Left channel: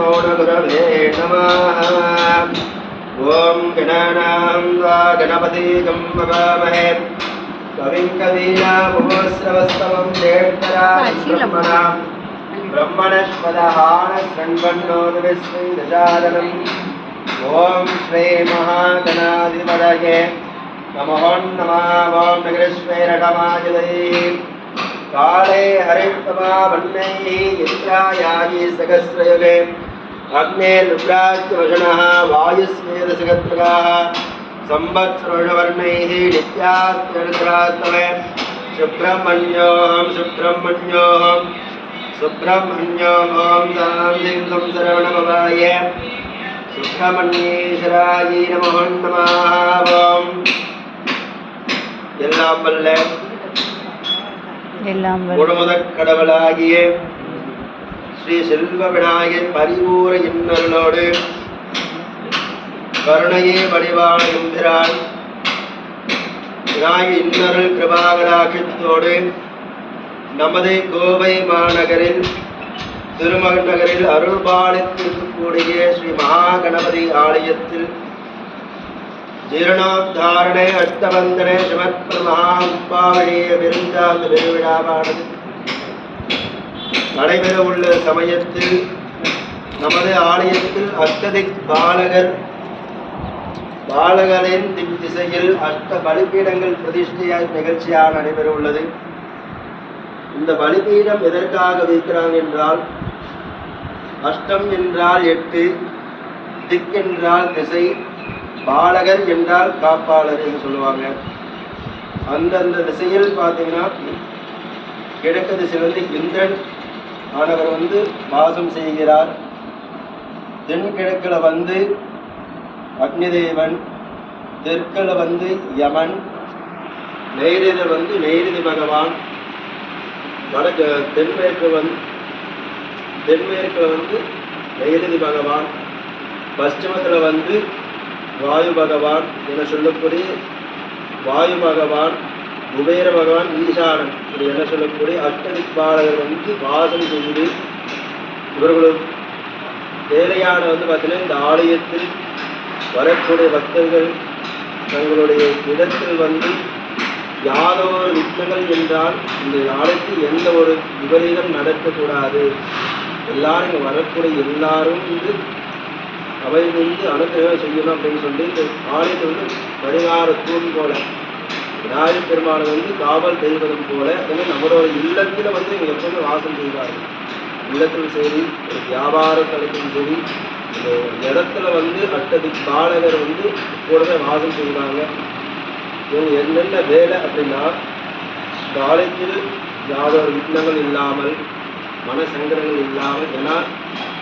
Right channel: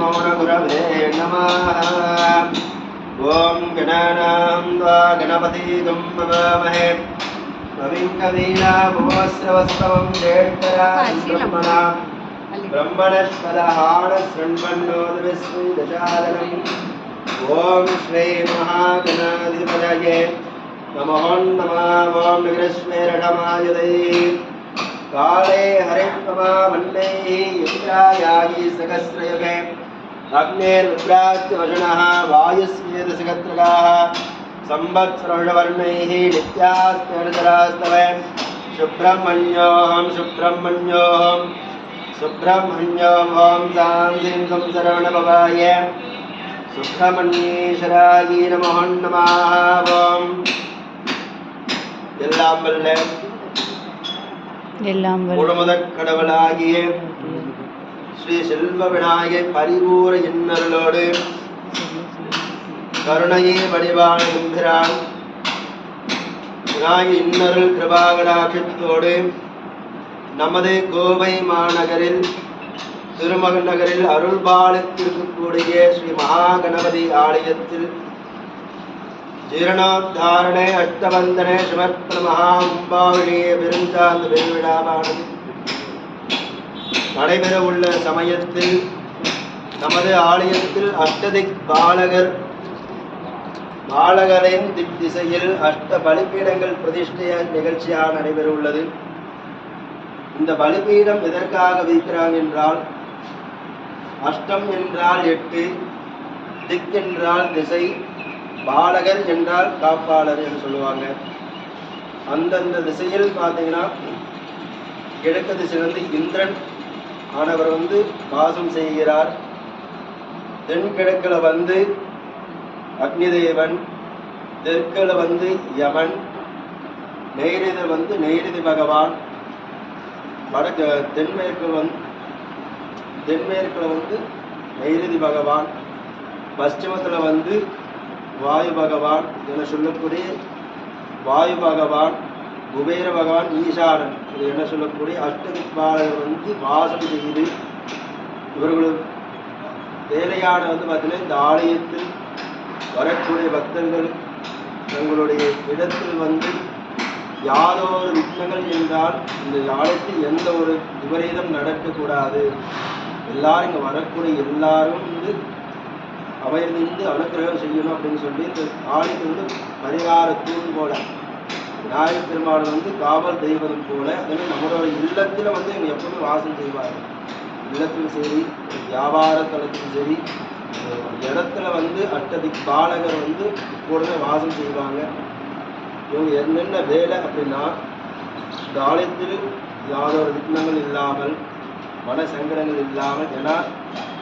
मौनगुरवे नमः ॐ गणानां गणपतिगं मवामहे त्वमिं कवीनामुश्रवस्तवं ज्येष्ठराजं ब्रह्मणां ब्रह्मणस्पदहाणशृण्वन्नोदविस्मिदचारणम् ॐ श्री महागणाधिपतये नमः नमः ॐ निगृश्वेरठमायुधये काले हरित्वमा वन्नैः यत्रायागि सहस्रयुगे अग्नेर्नुग्राच्यवशनः वायुस्मेदसगत्रगाः संवत्सरवर्णैः नित्यास्त्यर्धरास्तवे सुब्रह्मण्योऽहं सुब्रह्मण्योऽहं सुब्रह्मण्योऽहं सांसिं संसरवणभवाय சுப்பிரமணியேஸ்வராயி நமோ நமாவோம் எல்லாம் வல்ல எல்லாம் வல்ல முழுமுதற் கடவுளாகிய ஸ்ரீ செல்வ விநாயகர் பரிபூர இன்னர்களோடு கருணையே வடிவான எம்பிரான் விநாயக இன்னருள் கிருபாகராட்சத்தோடு நமது கோவை மாநகரில் திருமகன் நகரில் அருள்பாலித்திருக்கக்கூடிய ஸ்ரீ மகாகணபதி ஆலயத்தில் ஜீரணோத்தாரண அஷ்டவந்தன சமர்ப்பண மகாம்பாழிய பெருந்தாந்த பெருவிழாவானது நடைபெற உள்ள சமயத்தில் நமது ஆலயத்தில் அஷ்டதிக் பாலகர் பாலகரின் திக் திசையில் அஷ்ட பலிபீடங்கள் பிரதிஷ்டையா நிகழ்ச்சியாக நடைபெற உள்ளது இந்த பலிபீடம் எதற்காக வைக்கிறாங்க என்றால் அஷ்டம் என்றால் எட்டு திக் என்றால் திசை பாலகர் என்றால் காப்பாளர் என்று சொல்லுவாங்க. அந்தந்த திசையில் பார்த்தீங்கன்னா கிழக்கு திசையிலிருந்து இந்திரன் மாணவர் வந்து வாசம் செய்கிறார். தென்கிழக்கில் வந்து அக்னிதேவன் தெற்கில் வந்து யமன் நெய்ரிதில் வந்து நெய்ரிதி பகவான் வடக்கு தென்மேற்கு வந்து தென்மேற்கில் வந்து நெய்ரிதி பகவான் பশ্চিமத்தில் வந்து வாயு பகவான் என சொல்லக்கூடிய வாயு பகவான் குபேர பகவான் ஈசானன். இது என சொல்லக்கூடிய அஷ்டதிக்பாலகர் வந்து வாசம் செய்து இவர்களும் வேலையான வந்து பார்த்தீங்கன்னா இந்த ஆலயத்தில் வரக்கூடிய பக்தர்கள் தங்களுடைய இடத்தில் வந்து யாதோ ஒரு விக்னங்கள் என்றால் இந்த ஆலயத்தில் எந்த ஒரு விபரீதம் நடக்கக்கூடாது. எல்லாரும் இங்கே வரக்கூடிய எல்லாரும் வந்து அவை வந்து அனுக்கிரகம் செய்யணும் அப்படின்னு சொல்லி இந்த ஆலயத்தை வந்து பரிகார தூண் போல விநாயகர் பெருமாள் வந்து காவல் தெய்வதம் போல அதுவே நம்மளோட இல்லத்தில் வந்து இவங்க எப்பவுமே வாசம் செய்வாங்க. இல்லத்திலும் சரி வியாபார தளத்திலும் சரி இடத்துல வந்து அட்டதி பாலகர் வந்து எப்பொழுதுமே வாசம் செய்வாங்க. இவங்க என்னென்ன வேலை அப்படின்னா இந்த ஆலயத்தில் யாதொரு விக்னங்கள் இல்லாமல் மன சங்கடங்கள் இல்லாமல் ஏன்னா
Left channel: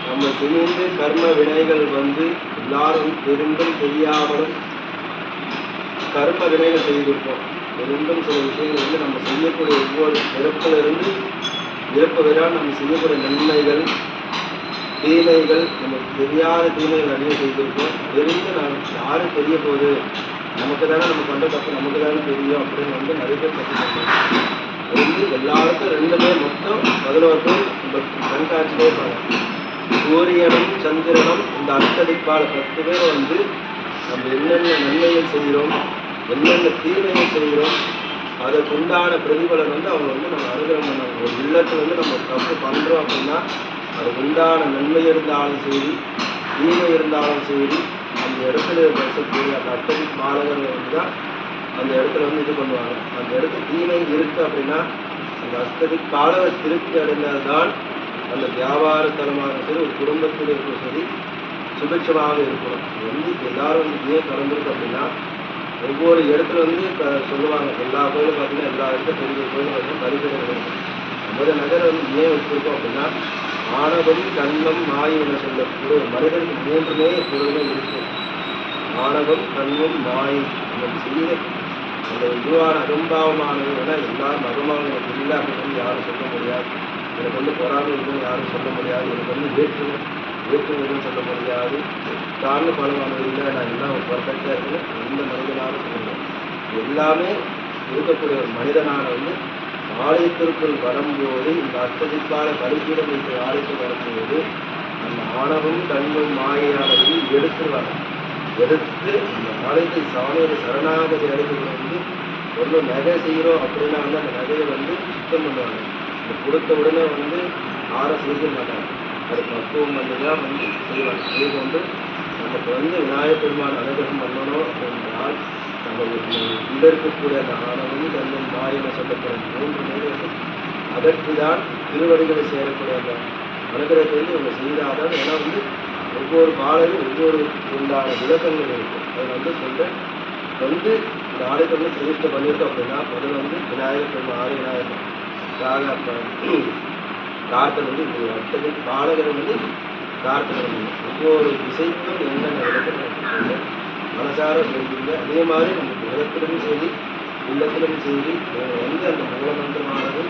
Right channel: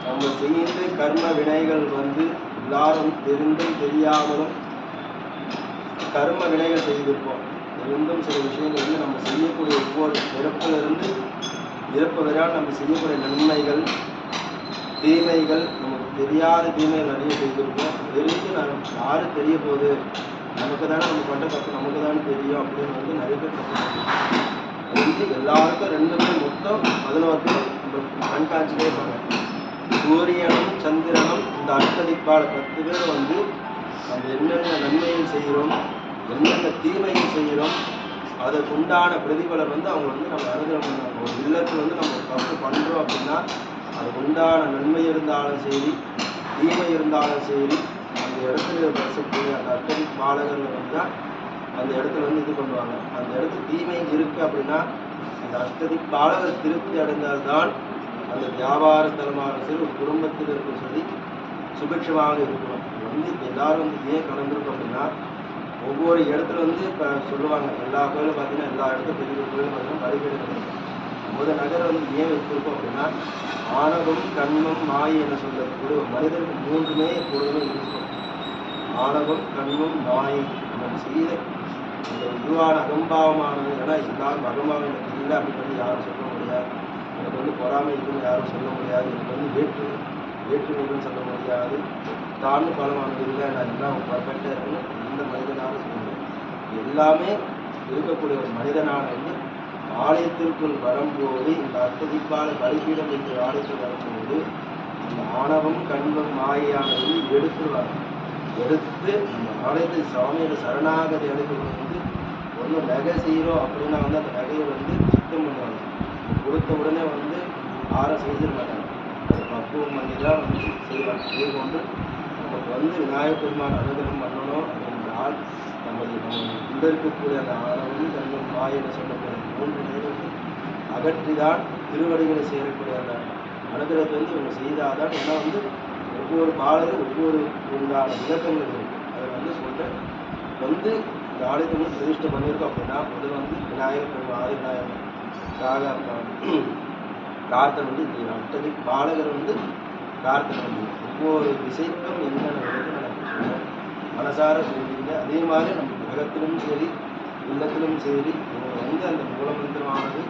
நம்ம செய்து கர்ம வினைகள் வந்து எல்லாரும் தெரிந்தும் தெரியாமலும் கர்ம வினைகள் செய்திருப்போம். தெரிந்தும் சில விஷயங்கள் வந்து நம்ம செய்யக்கூடிய ஒவ்வொரு பிறப்புல இருந்து நம்ம செய்யக்கூடிய நன்மைகள் தீமைகள் நமக்கு தெரியாத தீமைகள் நிறைய செய்திருக்கோம். தெரிந்து நாம் யாரும் தெரிய போகுது? நமக்கு தானே நம்ம பண்ணுற தப்பு நமக்கு தானே தெரியும் அப்படின்னு வந்து நிறைய பேர் தப்பு வந்து எல்லாருக்கும் ரெண்டுமே மொத்தம் முதல்வர்கள் பேர் இந்த கண்காட்சியிலே சூரியனும் சந்திரனும் இந்த அர்த்தளிப்பால் பத்து பேர் வந்து நம்ம என்னென்ன நன்மைகள் செய்கிறோம் எந்தெந்த தீமையை செய்கிறோம் அதற்குண்டான பிரதிபலன் வந்து அவங்க வந்து நம்ம அனுகிரகம் பண்ணாங்க ஒரு இல்லத்தில் வந்து நம்ம தப்பு பண்ணுறோம் அப்படின்னா அதுக்கு உண்டான நன்மை இருந்தாலும் சரி தீமை இருந்தாலும் சரி அந்த இடத்துல பேசக்கூடிய அந்த அட்டதி பாலகர்கள் இருந்தால் அந்த இடத்துல வந்து இது பண்ணுவாங்க. அந்த இடத்துல தீமை இருக்குது அப்படின்னா அந்த அஸ்ததி பாலகர் திருப்தி அடைந்தால்தான் அந்த வியாபார தலமாக சரி ஒரு குடும்பத்தில் இருக்கும் சரி சுபிட்சமாக இருக்கும். வந்து எல்லாரும் வந்து ஏன் திறந்திருக்கு அப்படின்னா ஒவ்வொரு இடத்துல வந்து இப்போ சொல்லுவாங்க எல்லா கோயிலும் பார்த்தீங்கன்னா எல்லா இடத்துல பெரிய கோயிலும் வந்து பரிபீடம் ஒரு நகர் வந்து ஏன் வச்சுருக்கோம் அப்படின்னா ஆணவம் கண்மம் நாய் என சொல்லக்கூடிய ஒரு மனிதனுக்கு மூன்றுமே எப்பொழுதுமே இருக்கும் ஆணவம் கண்மம் நாய் நம்ம செய்ய அந்த இதுவான அகம்பாவமானது எல்லாரும் அகம்பாவம் எனக்கு இல்லை அப்படின்னு யாரும் சொல்ல முடியாது. எனக்கு வந்து பொறாமை இருக்குன்னு யாரும் சொல்ல முடியாது. எனக்கு வந்து வேற்று வேற்றுமைன்னு சொல்ல முடியாது தாழ்ந்து பலமானது இல்லை நான் எல்லாம் பர்ஃபெக்டாக இருக்கணும் எந்த மனிதனாக சொல்லணும் எல்லாமே இருக்கக்கூடிய ஒரு மனிதனான வந்து ஆலயத்திற்குள் வரும்போது இந்த அத்ததிக்கால பலிப்பீடம் வைத்த ஆலயத்தில் வரும்போது அந்த ஆணவும் கண்ணும் மாயானது எடுத்துருவாங்க. எடுத்து இந்த ஆலயத்தை சாமியோட சரணாகதி அடைஞ்சது வந்து ஒன்று நகை செய்கிறோம் அப்படின்னா வந்து அந்த நகையை வந்து சுத்தம் பண்ணுவாங்க. கொடுத்த உடனே வந்து ஆறு செய்து மாட்டாங்க வந்து தான் வந்து செய்வாங்க அதே போன்று நமக்கு வந்து விநாயகப் பெருமான் அனுகிரகம் பண்ணணும் என்றால் நம்ம இந்த இருக்கக்கூடிய அந்த ஆணவம் கண்ணும் மாயம் சொல்லக்கூடிய மூன்று பேரை வந்து தான் திருவடிகளை சேரக்கூடிய அந்த அனுகிரகத்தை வந்து இவங்க செய்தாதான் ஏன்னா வந்து ஒவ்வொரு பாடலும் ஒவ்வொரு உண்டான விளக்கங்கள் இருக்கும். அதை வந்து சொல்கிறேன் வந்து இந்த ஆலயத்தை வந்து பிரதிஷ்டை பண்ணியிருக்கோம் அப்படின்னா முதல்ல வந்து விநாயகர் பெருமாள் ஆதி விநாயகர் ராக பிரார்த்தனை வந்து இது அத்தனை பாடகர் வந்து பிரார்த்தனை பண்ணணும் ஒவ்வொரு திசைக்கும் என்னென்ன விளக்கம் மனசார சொல்லிங்க அதே மாதிரி நம்ம சரி உள்ளத்திலும் சரி நம்ம வந்து அந்த மூலமந்திரமானது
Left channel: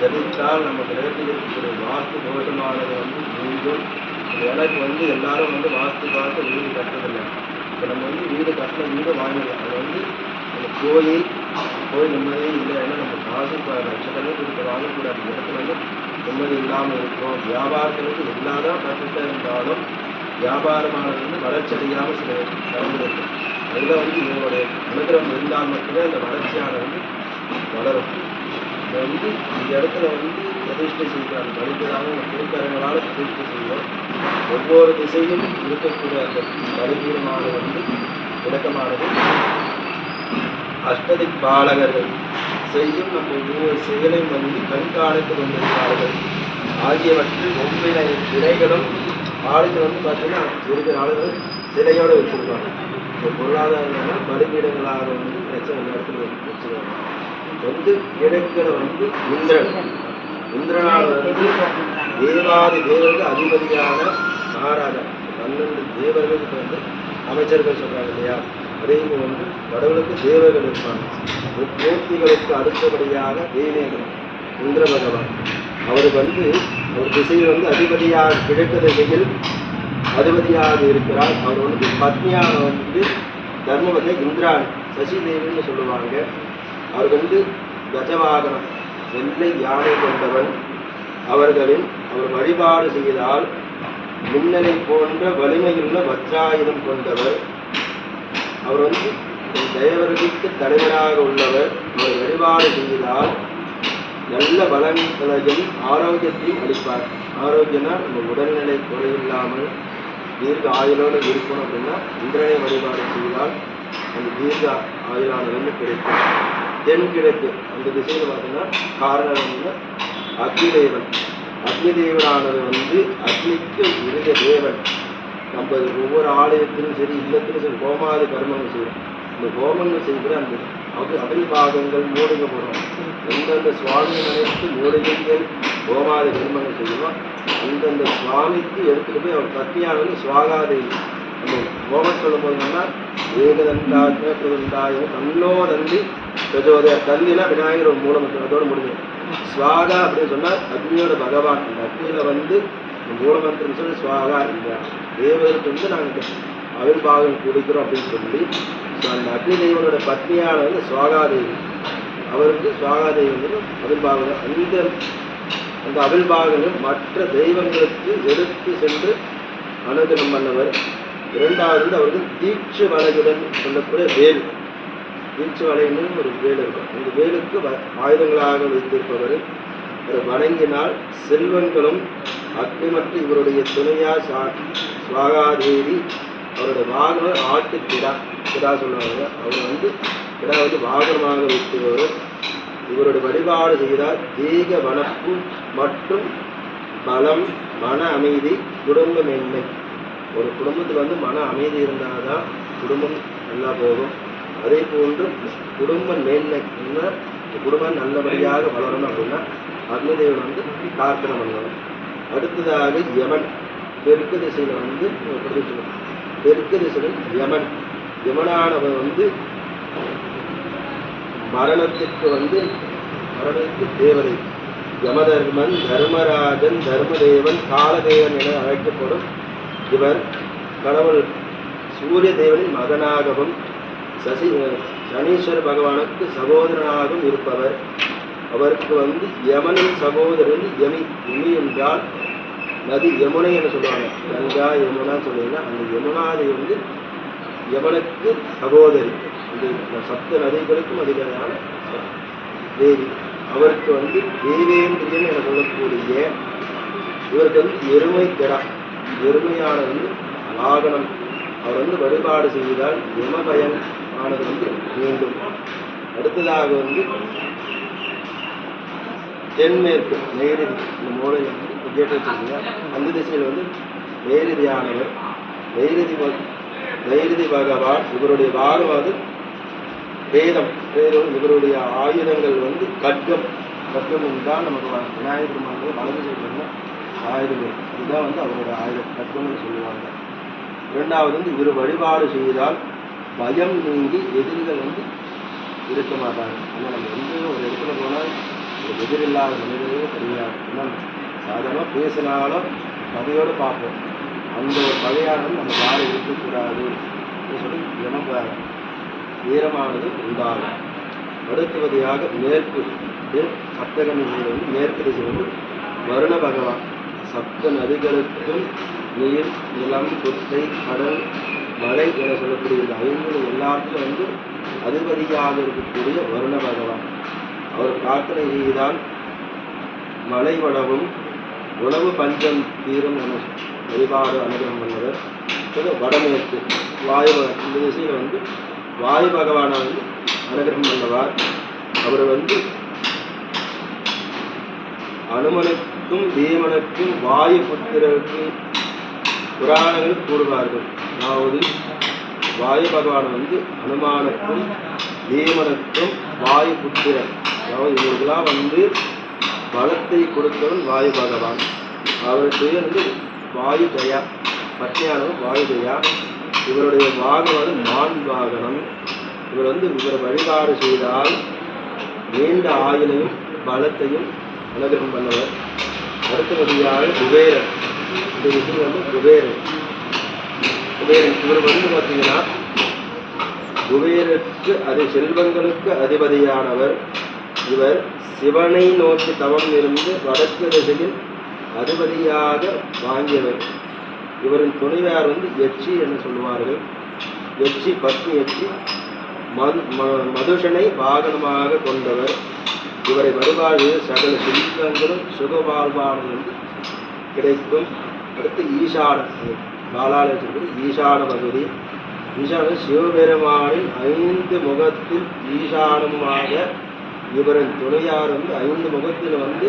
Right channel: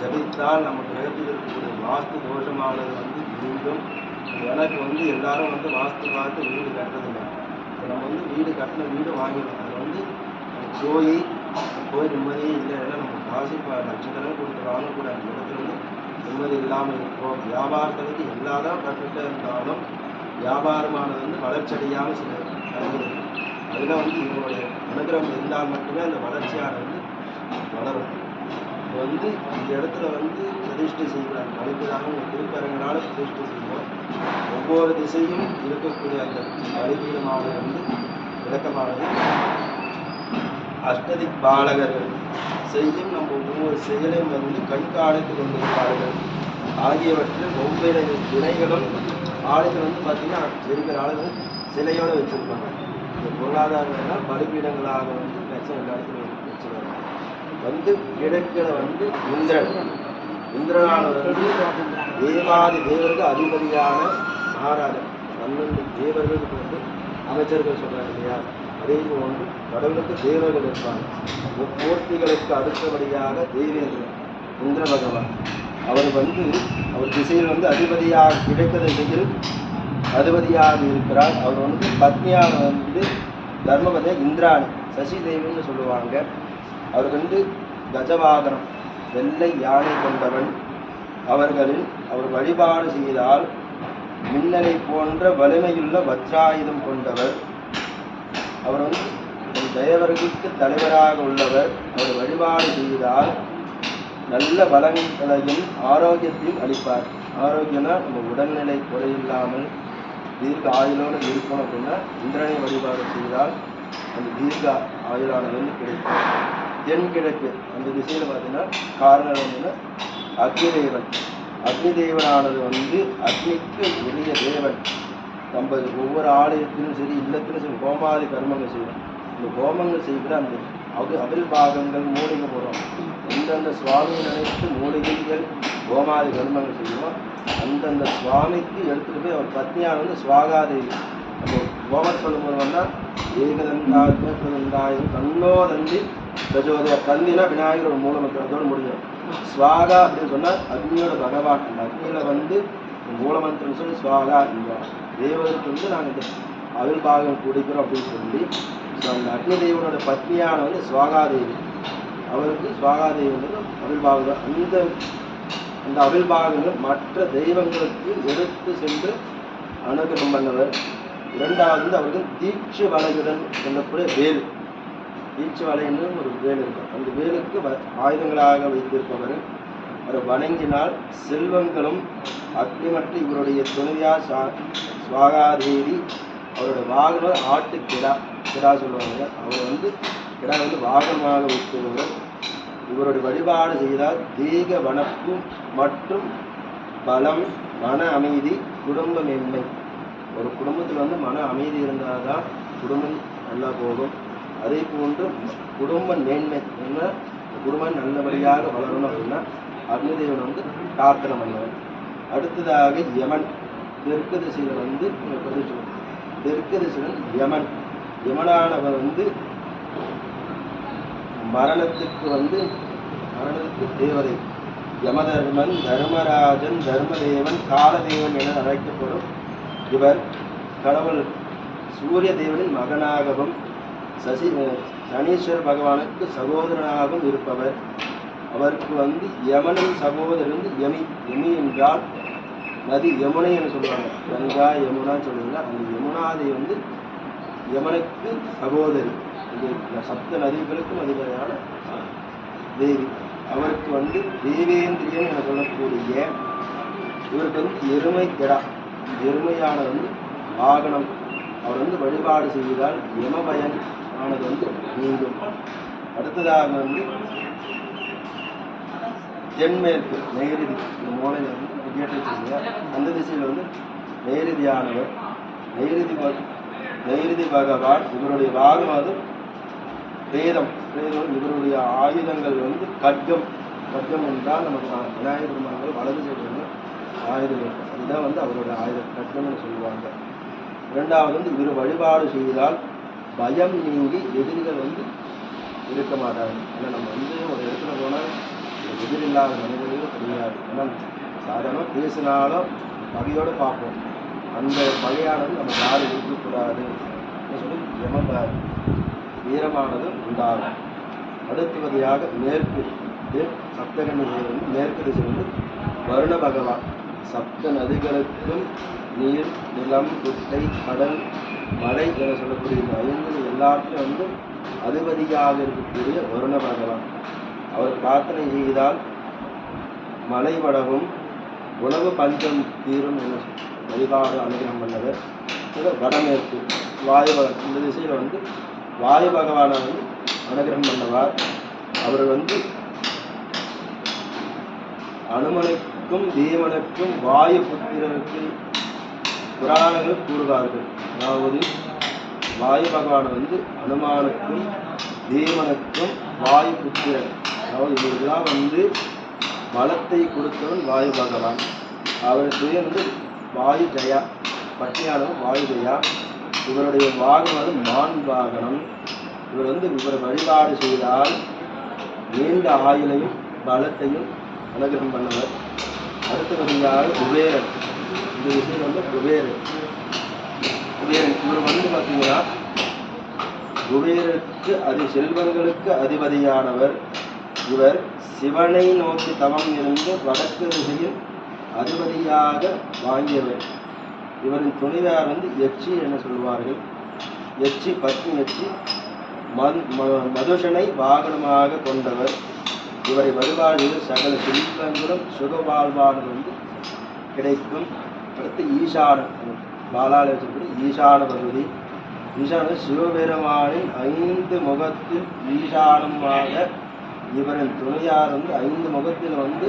ஜபித்தால் நம்ம கிரகத்தில் இருக்கக்கூடிய வாஸ்து தோஷமானது வந்து மீண்டும் எனக்கு வந்து எல்லாரும் வந்து வாஸ்து பார்த்து வீடு கட்டுறதில்லை. இப்போ நம்ம வந்து வீடு கட்டின வீடு வாங்கிடலாம் அதை வந்து நம்ம போய் போய் நிம்மதியே இல்லை. ஏன்னா நம்ம காசு இப்போ லட்சக்கணக்கு கூட வாங்கக்கூடாது இடத்துல வந்து நிம்மதி இல்லாமல் இருக்கும் வியாபாரத்திற்கு எல்லாதான் பர்ஃபெக்டாக இருந்தாலும் வியாபாரமானது வந்து வளர்ச்சி அடையாமல் சில தரங்கள் அதில் வந்து இவங்களுடைய அனுகிரகம் இருந்தால் மட்டுமே அந்த வளர்ச்சியானது வந்து வளரும். இப்போ வந்து இந்த இடத்துல வந்து பிரதிஷ்டை செய்கிறாங்க பலிபீடாகவும் திருக்கரங்களால் பிரதிஷ்டை செய்வோம். ஒவ்வொரு திசையும் இருக்கக்கூடிய அந்த பலிபீடமானது வந்து விளக்கமானது அஷ்டதிக் பாலகர்கள் செய்யும் நம்ம ஒவ்வொரு செயலையும் வந்து கண்காணத்தில் இருந்திருக்கிறார்கள் ஆகியவற்றில் ஒவ்வொரு சிலைகளும் ஆளுக்கு வந்து பார்த்தீங்கன்னா இருக்கிற ஆளுகள் சிலையோடு வச்சுருக்காங்க இந்த பொருளாதாரம்னா பலிபீடங்களாக வந்து பிரச்சனை எல்லாத்துக்கும் இடத்துலையும் வச்சுருக்காங்க வந்து கிழக்கில் வந்து இந்திரன். இந்திரனால் வந்து தேவாதி தேவர்கள் அதிபதியான மகாராஜா பன்னெண்டு தேவர்களுக்கு வந்து அமைச்சர்கள் சொல்கிறாங்க இல்லையா? அதே ஒன்று கடவுளுக்கு தேவர்கள் இருப்பாங்க. மூர்த்திகளுக்கு அடுத்தபடியாக தெய்வங்கள் இந்திர பகவான் அவர் வந்து அவர் திசையில் வந்து அதிபதியாக கிழக்கு திசையில் அதிபதியாக இருக்கிறார். அவர் வந்து பத்னியான வந்து தர்மபதி சசி சசிதேவின்னு சொல்லுவாங்க. அவர் வந்து கஜவாகனம் வெள்ளை யானை கொண்டவன். அவர்களின் அவர் வழிபாடு செய்தால் மின்னலை போன்ற வலிமையுள்ள வஜ்ராயுதம் கொண்டவர். அவர் வந்து தேவர்களுக்கு தலைவராக உள்ளவர். அவர் வழிபாடு செய்தால் நல்ல பலன்களையும் ஆரோக்கியத்தை அளிப்பார். ஆரோக்கியம்னா நம்ம உடல்நிலை குறையில்லாமல் தீர்க்க ஆயுளோடு இருக்கணும் அப்படின்னா இந்திரனை வழிபாடு செய்தால் அந்த தீர்க்க ஆயுளானது வந்து கிடைக்கும் தென்கிழக்கு அந்த திசையில் பார்த்தீங்கன்னா காரணம் என்னன்னா அக்னி தேவன் அக்னி தெய்வனானது வந்து அக்னிக்கு உரிய தேவன். நம்ம ஒவ்வொரு ஆலயத்திலும் சரி இல்லத்திலும் சரி ஹோமாதி கர்மங்கள் செய்வோம் இந்த ஹோமங்கள் செய்கிற அந்த அது அவில் பாகங்கள் மூலிகை போடுறோம் எந்தெந்த சுவாமி நினைத்து மூலிகைகள் ஹோமாதி கர்மங்கள் செய்வோம் அந்தந்த சுவாமிக்கு எடுத்துகிட்டு போய் அவர் பத்னியார் வந்து சுவாகாதேவி அந்த ஹோமம் சொல்லும்போது வந்தால் ஏகதந்தாத்ம பிரதந்தாயும் தன்னோ நந்தி பிரஜோதய தந்தினா விநாயகர் ஒரு மூலமந்திரம் அதோடு முடிஞ்சிடும். ஸ்வாகா அப்படின்னு சொன்னால் அக்னியோட பகவான் அந்த அக்னியில் வந்து மூலமந்திரம் சொல்லி சுவாகா தேவருக்கு வந்து நாங்கள் அவிர்பாகம் குடிக்கிறோம் அப்படின்னு சொல்லி ஸோ அந்த அக்னிதேவனோட பத்னியான வந்து சுவாகாதேவி. அவருக்கு சுவாகாதேவி வந்து அவிர்பாகம் அந்த அந்த அவிர்பாகங்கள் மற்ற தெய்வங்களுக்கு எடுத்து சென்று அனுகிரம் பண்ணவர். இரண்டாவது வந்து அவருக்கு தீட்சு வலையுடன் சொல்லக்கூடிய வேல். தீட்சு வலைன்னு ஒரு வேல் இருக்கும் அந்த வேலுக்கு வ- ஆயுதங்களாக வைத்திருப்பவர். அதை வணங்கினால் செல்வங்களும் அக்னிமற்ற இவருடைய துணையா சுவா- சுவாகாதேவி அவரோட வாகனம் ஆட்டு கிடா கிடா சொல்லுவாங்க. அவர் வந்து கிடா வந்து வாகனமாக வைத்தவர் இவருடைய வழிபாடு செய்தால் தேக வனப்பு மற்றும் பலம் மன அமைதி குடும்ப மேன்மை ஒரு குடும்பத்தில் வந்து மன அமைதி இருந்தால் தான் குடும்பம் நல்லா போகும். அதே போன்று குடும்ப மேன்மை என்ன? குடும்பம் நல்லபடியாக வளரணும் அப்படின்னா அக்னிதேவன் வந்து பிரார்த்தனை பண்ணுவாங்க அடுத்ததாக யமன். தெற்கு திசையில் வந்து பிரதிஷ்டம் தெற்கு திசையில் யமன். யமனானவர் வந்து மரணத்திற்கு வந்து மரணத்திற்கு தேவதை. யமதர்மன் தர்மராஜன் தர்மதேவன் காலதேவன் என அழைக்கப்படும் இவர். கடவுள் சூரிய தேவனின் மகனாகவும் சசி சனீஸ்வர பகவானுக்கு சகோதரனாகவும் இருப்பவர். அவருக்கு வந்து யமனின் சகோதரர் வந்து யமி. யமி என்றால் நதி யமுனை என்று சொல்லுவாங்க. கங்கா யமுனா சொல்லுவாங்க. அந்த யமுனாதி வந்து யமனுக்கு சகோதரி. இது சப்த நதிகளுக்கும் அதிபதியான தேவி. அவருக்கு வந்து தேவேந்திரியன் என சொல்லக்கூடிய இவருக்கு வந்து எருமை கிடா எருமையான வந்து வாகனம். அவர் வந்து வழிபாடு செய்தால் யமபயன் ஆனது வந்து மீண்டும். அடுத்ததாக வந்து தென்மேற்கு நேரடி இந்த மூலையில் வந்து இப்போ கேட்டு அந்த திசையில் வந்து நெய்ருதியானவர் நேரதி பக- பகவான் இவருடைய வாரம் அது வேதம் வேதம் இவருடைய ஆயுதங்கள் வந்து கட்கம் கட்கம் தான் நமக்கு வ- விநாயகர் பெருமானுடைய வளர்ந்து சைடு ஆயுதங்கள். இதுதான் வந்து அவரோட ஆயுதம் கட்கம்னு சொல்லுவாங்க. இரண்டாவது வந்து இவர் வழிபாடு செய்தால் பயம் நீங்கி எதிரிகள் வந்து இருக்க மாட்டாங்க ஆனால் நம்ம எங்கேயும் ஒரு இடத்துல போனால் இல்லாத எதிரில்லாத மனிதர்களே கிடையாது சாதாரணமாக பேசினாலும் கதையோடு பார்ப்போம். அந்த பகையானது நம்ம யாரும் இருக்கக்கூடாது அப்படின்னு சொல்லி இனம் வீரமானது உண்டாகும். அடுத்துவதையாக மேற்கு இது வந்து மேற்கு திசை வருண பகவான். சப்த நதிகளுக்கும் நீர் நிலம் குட்டை கடல் மலை என சொல்லக்கூடிய இந்த ஐந்து எல்லாத்திலும் வந்து அதிபதியாக இருக்கக்கூடிய வருண பகவான். அவர் பிரார்த்தனை செய்தால் மலை வளவும் உணவு பஞ்சம் தீரும் என வழிபாடு அனுகிரகம் பண்ணவர் வடமேற்கு வாயு இந்த திசையில் வந்து வாயு பகவானை வந்து அனுகிரகம் பண்ணவார். அவர் வந்து அனுமனுக்கும் தேவனுக்கும் வாயு புத்திரருக்கு புராணங்கள் கூறுவார்கள். அதாவது வாயு பகவான் வந்து அனுமானுக்கும் தேவனுக்கும் வாயு புத்திரன் அதாவது இவர்களாம் வந்து பலத்தை கொடுத்தவன் வாயு பகவான். அவருக்கு வந்து வாயு தயா பத்னியானவன் வாயு தயா இவருடைய வாகனம் மான் வாகனம் இவர் வந்து இவர் வழிபாடு செய்தால் நீண்ட ஆயுளையும் பலத்தையும் அனுகிரகம் பண்ணவர். அடுத்தபடியாக குபேரர். இந்த விஷயம் வந்து குபேரர். குபேரன் இவர் வந்து பார்த்தீங்கன்னா குபேரருக்கு அது செல்வங்களுக்கு அதிபதியானவர். இவர் சிவனை நோக்கி தவம் இருந்து வடக்கு திசையில் அறுபதியாக வாங்கியவர். இவரின் துணைவியார் வந்து எச்சி என்று சொல்லுவார்கள். எச்சி பத்னி எச்சி மது ம- மதுஷனை வாகனமாக கொண்டவர். இவரை வழிபாடு சகல செல்வங்களும் சுகவாழ்வானது வந்து கிடைக்கும். அடுத்து ஈசான பாலால ஈசான பகுதி. ஈசான சிவபெருமானின் ஐந்து முகத்தில் ஈசானமாக இவரின் துணையார் வந்து ஐந்து முகத்தில் வந்து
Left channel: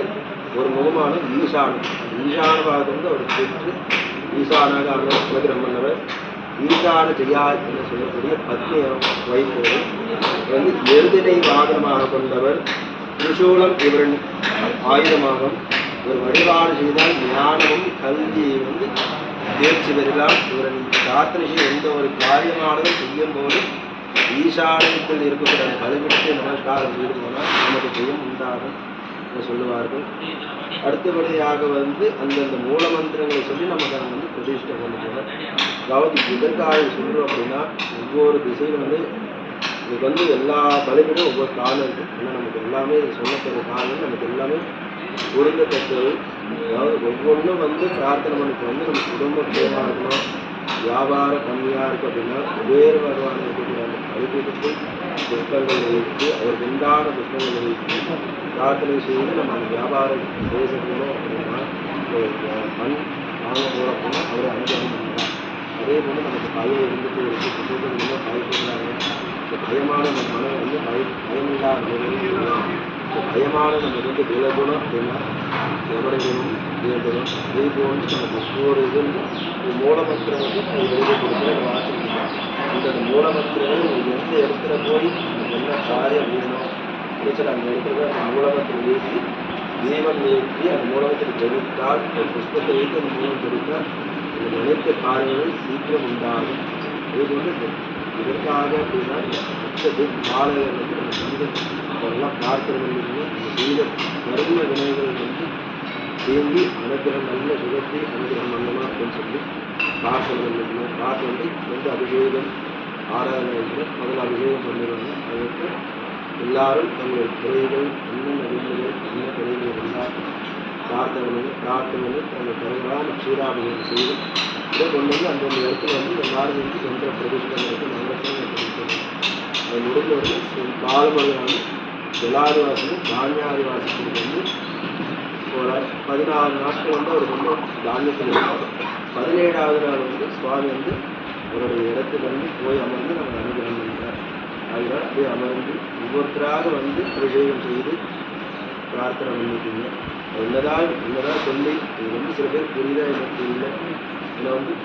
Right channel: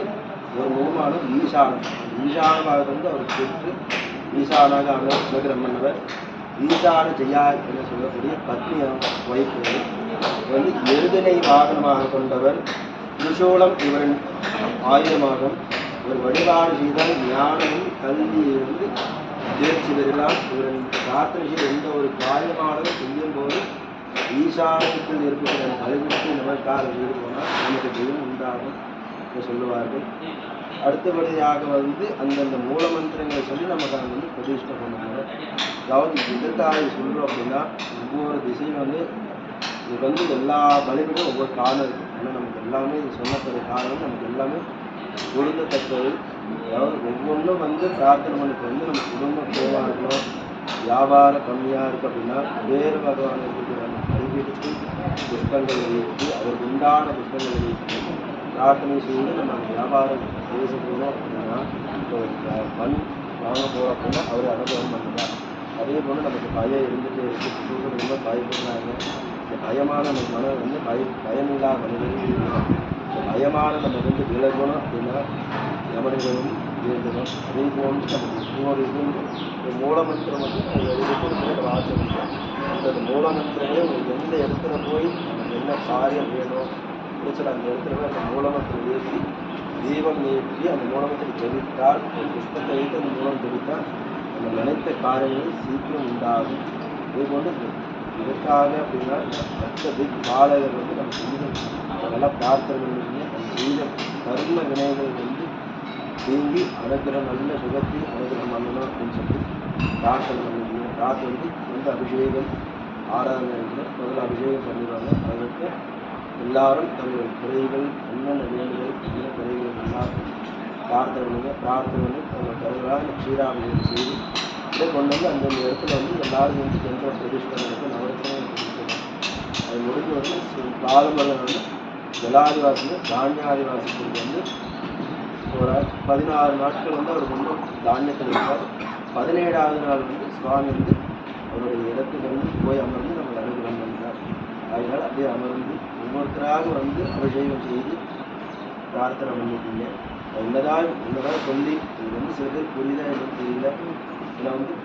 ஒரு முகமான ஈசானம் ஈசான வந்து அவர் பெற்று ஈசானாக அனுகிரகம் பண்ணவர். ஈசான ஜெயா என்று சொல்லக்கூடிய பத்னி வைப்பவர் வந்து எருதினை வாகனமாக கொண்டவர். திரிசூலம் இவரின் ஆயுதமாகும். ஒரு வழிபாடு செய்தால் ஞானமும் கல்வியை வந்து தேர்ச்சி பெறலாம் இவரின் பிரார்த்தனை எந்த ஒரு காரியமானதும் செய்யும் போது ஈசானத்தில் இருக்கக்கூடிய வழிவிட்டு நமஸ்காரம் செய்து போனால் நமக்கு ஜெயம் உண்டாகும் என்று சொல்லுவார்கள். அடுத்தபடியாக வந்து அந்தந்த மூல மந்திரங்களை சொல்லி நமக்கு அதை வந்து பிரதிஷ்டை பண்ணுவாங்க. அதாவது எதற்காக சொல்கிறோம் அப்படின்னா ஒவ்வொரு திசையில் வந்து இதுக்கு வந்து எல்லா பலிபிடும் ஒவ்வொரு காரணம் இருக்குது ஏன்னா நமக்கு எல்லாமே சொன்னக்கூடிய காரணம் நமக்கு எல்லாமே பொருந்தத்தக்கது அதாவது ஒவ்வொன்றும் வந்து பிரார்த்தனை பண்ணுறது வந்து நம்ம குடும்ப குறைவாக இருக்கணும். வியாபாரம் கம்மியாக இருக்குது அப்படின்னா வேறு வகையான இருக்கக்கூடிய அந்த பலிபீடத்தில் புஷ்பங்களை வைத்து அவர் உண்டான புஷ்பங்களை வைத்து பிரார்த்தனை செய்து நம்ம அந்த வியாபாரம் பேச அப்படின்னா மண் வாங்க போகிறோம் அப்படின்னா அவர் அனுபவம் பண்ணுறார் அதே போல் நமக்கு பயம் இருந்துகிட்டே இருக்குது குடும்பங்களோ பயப்படுறாங்க. இந்த பயமான நம்ம மனம் வந்து பய பயமில்லா மனிதர்கள் பயமான நம்ம வந்து விலகணும் அப்படின்னா எவரைகளும் வேண்டும் அதே போன்று நமக்கு ஒவ்வொரு இதுவும் மூலமற்ற வந்து எழுதி கொடுக்குற வாசிக்கலாம் இதன் மூலமத்திலே எந்த இடத்துல போய் என்ன காரியம் வேணும்? டீச்சர் அந்த இடத்துல அந்த மூலமத்தில் ஏற்றி தேவன் ஏற்றி அந்த மூலமத்தில் தெரிவித்தால் ஒரு புஷ்பத்தை வைத்து அந்த மூலம் தெரிவித்தால் அந்த நினைத்த காரியங்கள் சீக்கிரம் உண்டாகும். இது வந்து எதுக்காக அப்படின்னா மற்றது பாலகர் வந்து நம்ம செய்த அதெல்லாம் பிரார்த்தனைகள் செய்த கருவிய விநாயகர்கள் சேர்ந்து தேங்கி அனுகிரகம் நல்ல சுகத்தை அனுகிரகம் நல்லமா அப்படின்னு சொல்லி பிரார்த்தனை பண்ணிக்கணும் பிரார்த்தனை வந்து எந்த அபிஷேகம் ஆராதனை இல்லை. முதல்ல அபிஷேகம் பண்ணிடுவாங்க. அதற்கு எல்லாரும் தங்கள் குறைகள் என்னென்ன வேண்டுகள் என்ன குறைகள் எல்லாம் பிரார்த்தனை பண்ணுங்க தங்கள் பண்ணி அந்த செய்து கொண்டு வந்து அந்தந்த இடத்துல வந்து எல்லாரும் வந்து எந்த பிரதிஷ்டம் இருக்கு நவரத்னம் அது முடிஞ்ச வந்து பால்மலை வந்து ஜலாதிவாசியும் தானியாதிவாசிகளுக்கு வந்து ஒரு பதினாறு நாட்கள் வந்து அவர் வந்து தானியத்தில் இருப்பார் பதினேழாவது நாள் வந்து சுவாமி வந்து அவருடைய இடத்துல வந்து போய் அமர்ந்து நம்ம அனுகிரகம் பண்ணினார் அதனால் அப்படியே அமர்ந்து ஒவ்வொருத்தராக வந்து அபிஷேகம் செய்து பிரார்த்தனை பண்ணிட்டீங்க என்னதான் என்னதான் சொல்லி இது வந்து சில பேர் புரியல எனக்கு புரியல இல்லை வந்து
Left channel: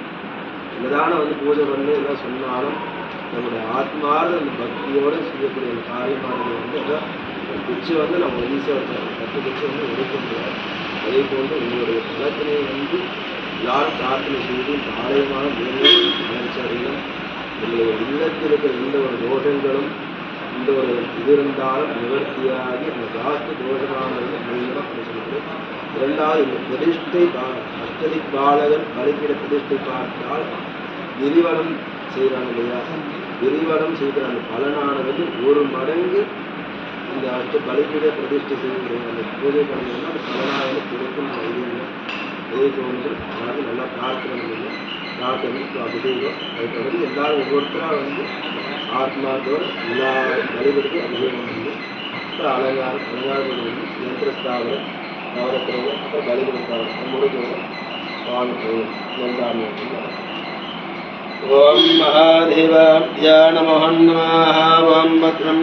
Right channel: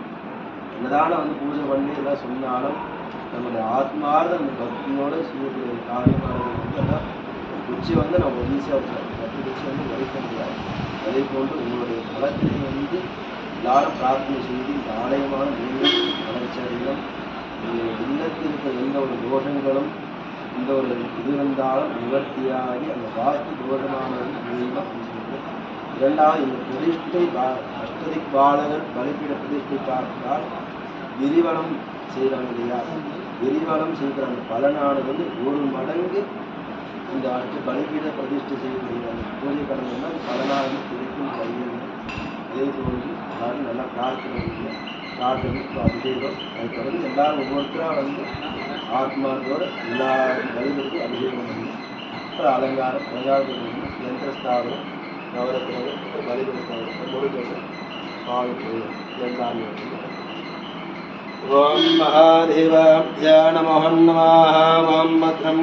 என்னதான வந்து பூஜை பண்ணி எல்லாம் சொன்னாலும் நம்முடைய ஆத்மார்ந்த அந்த பக்தியோடு செய்யக்கூடிய காரியமாக வந்து அதை குச்சி வந்து நம்ம ஈஸியாக பத்து குச்சி வந்து உடைக்க முடியாது. அதே போன்று உங்களுடைய பலத்தினை வந்து யார் பிரார்த்தனை செய்து இந்த ஆலயமான மீண்டும் வளர்ச்சி அடையும் உங்களுடைய இல்லத்தில் இருக்கிற எந்த ஒரு தோஷங்களும் இந்த ஒரு இது இருந்தாலும் நிவர்த்தியாகி அந்த வாஸ்து தோஷமானது மூலியமாக இருக்கிறது. இரண்டாவது இந்த பிரதிஷ்டை அஷ்டதி பாலகன் வழிபட பிரதிஷ்டை பார்த்தால் கிரிவலம் செய்வாங்க இல்லையா? கிரிவலம் செய்கிற அந்த பலனானது ஒரு மடங்கு இங்கே அடுத்து பலிபீட பிரதிஷ்டை செய்யக்கூடிய அந்த பூஜை பண்ணீங்கன்னா அது பலனாக வந்து கிடைக்கும் கையெழும் அதே போன்று அதாவது நல்லா பிரார்த்தனை பண்ணுவோம் பிரார்த்தனை அபிஷேகம் அதை எல்லாரும் ஒவ்வொருத்தராக வந்து ஆத்மாவோட எல்லா வழிபடுத்தி அபிஷேகம் பண்ணி அலங்காரம் அலங்காரம் பண்ணி யந்திரஸ்தாபனம் நவரத்திரங்கள் வழிபடுத்தாபனம் முருகன் பானு எல்லாமே ஓம் மகாதேவாப்யா நமோ நமாக ஓம் பத்ரம்